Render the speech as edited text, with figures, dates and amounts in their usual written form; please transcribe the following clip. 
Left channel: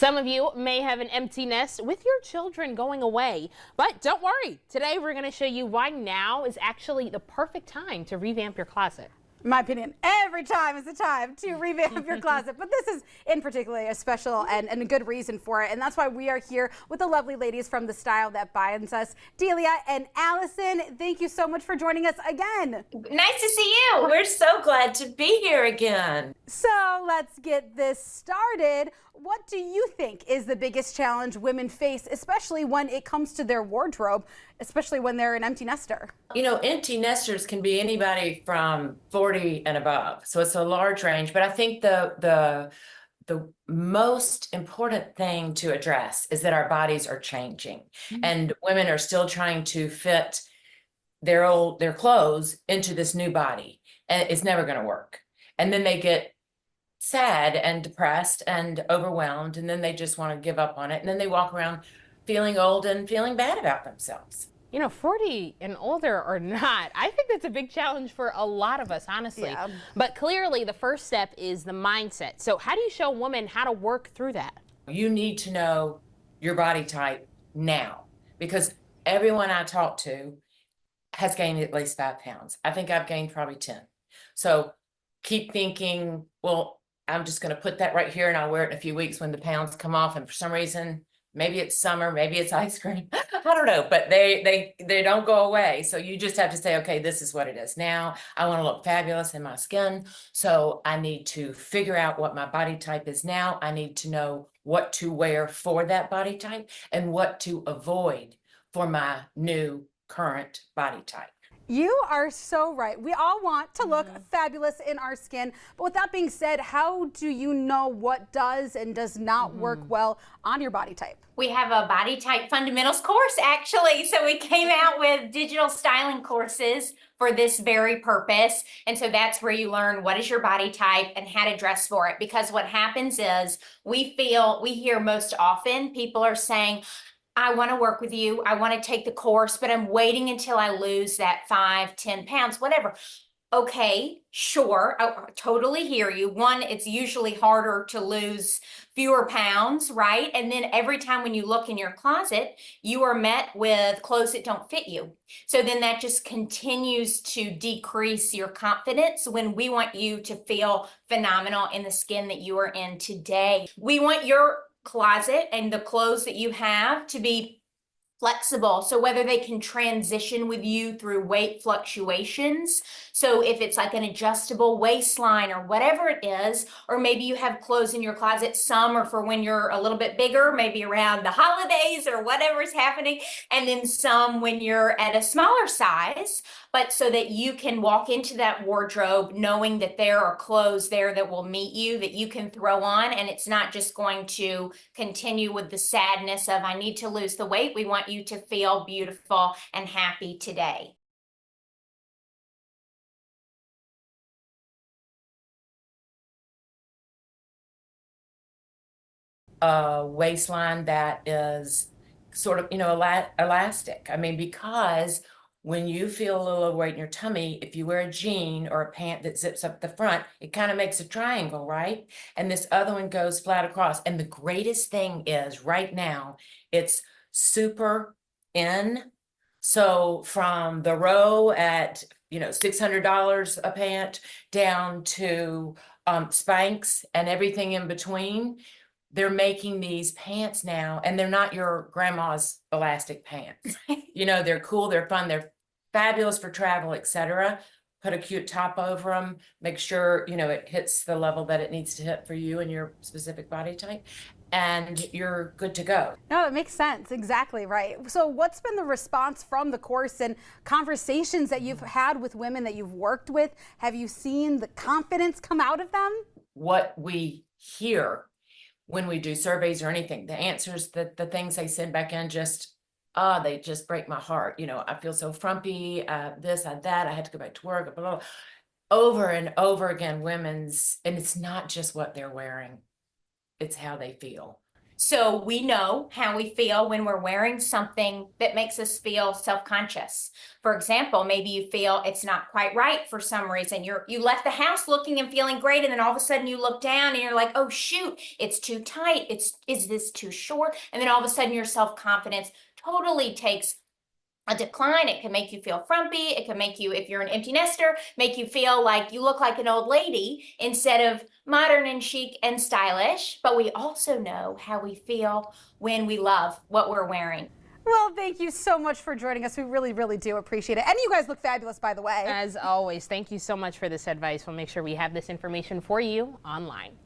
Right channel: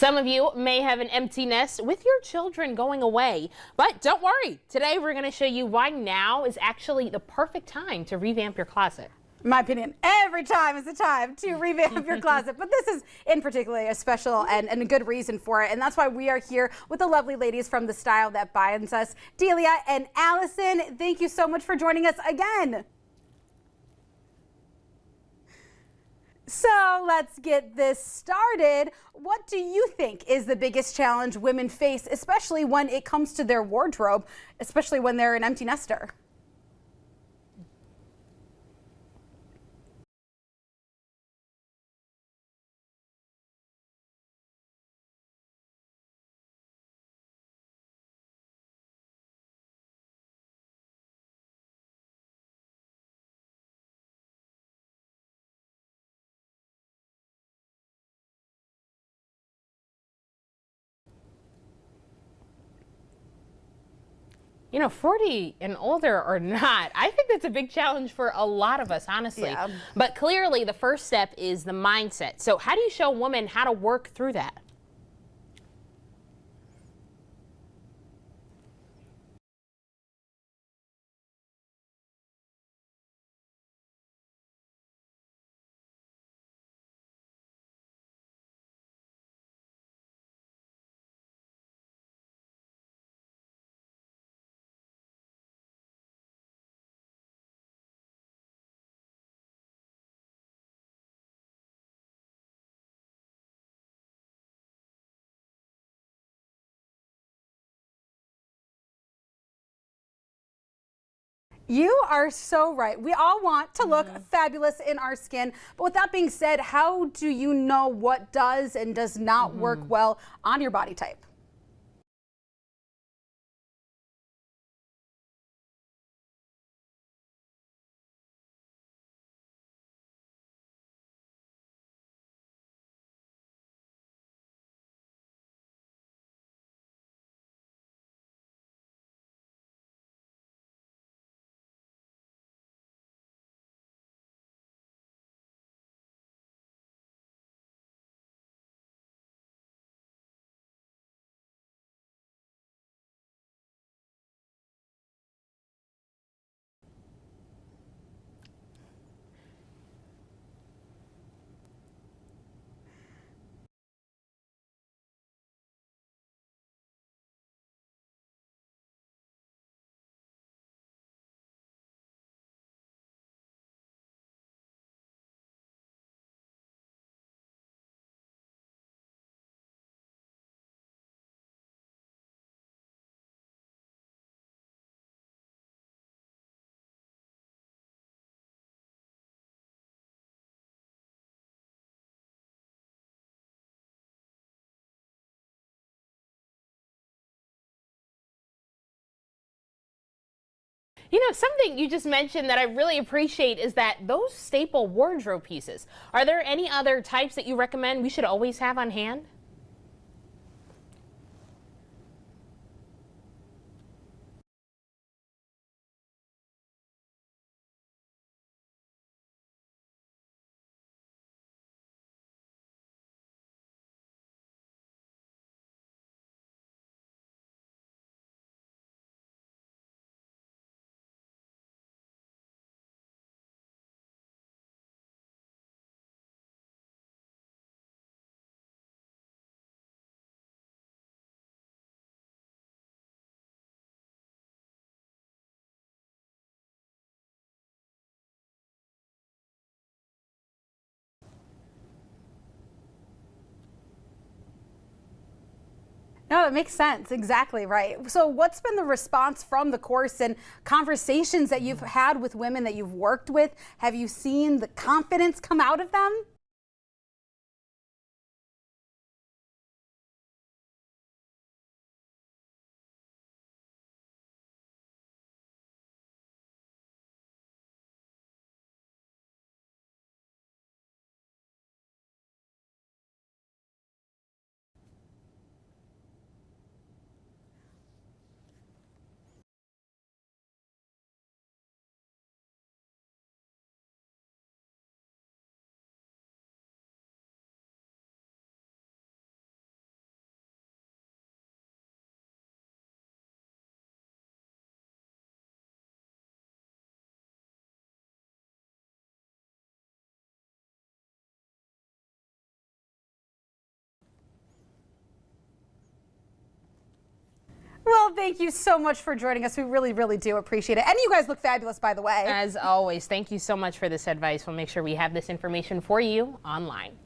Some of you may have an empty nest with your children going away, but don't worry. Today we're going to show you why now is actually the perfect time to revamp your closet. In my opinion, every time is the time to revamp your closet, but this is in particular a special and a good reason for it, and that's why we are here with the lovely ladies from The Style That Binds Us, Delia and Allison. Thank you so much for joining us again. Nice to see you. We're so glad to be here again. So let's get this started. What do you think is the biggest challenge women face, especially when it comes to their wardrobe, especially when they're an empty nester? You know, empty nesters can be anybody from 40 and above, so it's a large range. But I think the most important thing to address is that our bodies are changing, and women are still trying to fit their clothes into this new body, and it's never going to work. And then they get sad and depressed and overwhelmed, and then they just want to give up on it, and then they walk around feeling old and feeling bad about themselves. You know, 40 and older or not, I think that's a big challenge for a lot of us, honestly. Yeah. But clearly the first step is the mindset. So how do you show women how to work through that? You need to know your body type now, because everyone I talk to has gained at least 5 pounds. I think I've gained probably 10. So keep thinking, well, I'm just going to put that right here and I'll wear it in a few weeks when the pounds come off. And for some reason, maybe it's summer, maybe it's ice cream. I don't know, but they don't go away. So you just have to say, okay, this is what it is now. I want to look fabulous in my skin. So I need to figure out what my body type is now. I need to know what to wear for that body type and what to avoid for my new current body type. You are so right. We all want to look fabulous in our skin. But with that being said, how do you know what does and does not work well on your body type? We have a body type fundamentals course, actually. So we came out with digital styling courses for this very purpose. And so that's where you learn what is your body type and how to dress for it. Because what happens is we hear most often people are saying, I want to work with you. I want to take the course, but I'm waiting until I lose that 5, 10 pounds, whatever. Okay, sure. I totally hear you. One, it's usually harder to lose fewer pounds, right? And then every time when you look in your closet, you are met with clothes that don't fit you. So then that just continues to decrease your confidence when we want you to feel phenomenal in the skin that you are in today. We want your closet and the clothes that you have to be flexible, so whether they can transition with you through weight fluctuations, so if it's like an adjustable waistline or whatever it is, or maybe you have clothes in your closet, some are for when you're a little bit bigger, maybe around the holidays or whatever's happening, and then some when you're at a smaller size, but so that you can walk into that wardrobe knowing that there are clothes there that will meet you, that you can throw on, and it's not just going to continue with the sadness of I need to lose the weight. We want you to feel beautiful and happy today. You know, something you just mentioned that I really appreciate is that those staple wardrobe pieces. Are there any other types that you recommend we should always have on hand? A waistline that is sort of, elastic. I mean, because when you feel a little overweight in your tummy, if you wear a jean or a pant that zips up the front, it kind of makes a triangle, right? And this other one goes flat across. And the greatest thing is right now, it's super in. So from the row at, $600 a pant down to Spanx and everything in between, they're making these pants now, and they're not your grandma's elastic pants. They're cool, they're fun, they're fabulous for travel, etc. Put a cute top over them, make sure, it hits the level that it needs to hit for you and your specific body type, and you're good to go. No, it makes sense. Exactly right. So what's been the response from the course and conversations that you've had with women that you've worked with? Have you seen the confidence come out of them? What we hear when we do surveys or anything, the answers, the things they send back in they just break my heart. I feel so frumpy, this, that, I had to go back to work, blah, blah, blah. Over and over again, and it's not just what they're wearing, it's how they feel. So we know how we feel when we're wearing something that makes us feel self-conscious. For example, maybe you feel it's not quite right for some reason. You left the house looking and feeling great, and then all of a sudden you look down and you're like, oh shoot, it's too tight. Is this too short? And then all of a sudden your self-confidence totally takes a decline. It can make you feel frumpy. It can make you, if you're an empty nester, make you feel like you look like an old lady instead of modern and chic and stylish. But we also know how we feel when we love what we're wearing. Well, thank you so much for joining us. We really, really do appreciate it. And you guys look fabulous, by the way. As always, thank you so much for this advice. We'll make sure we have this information for you online.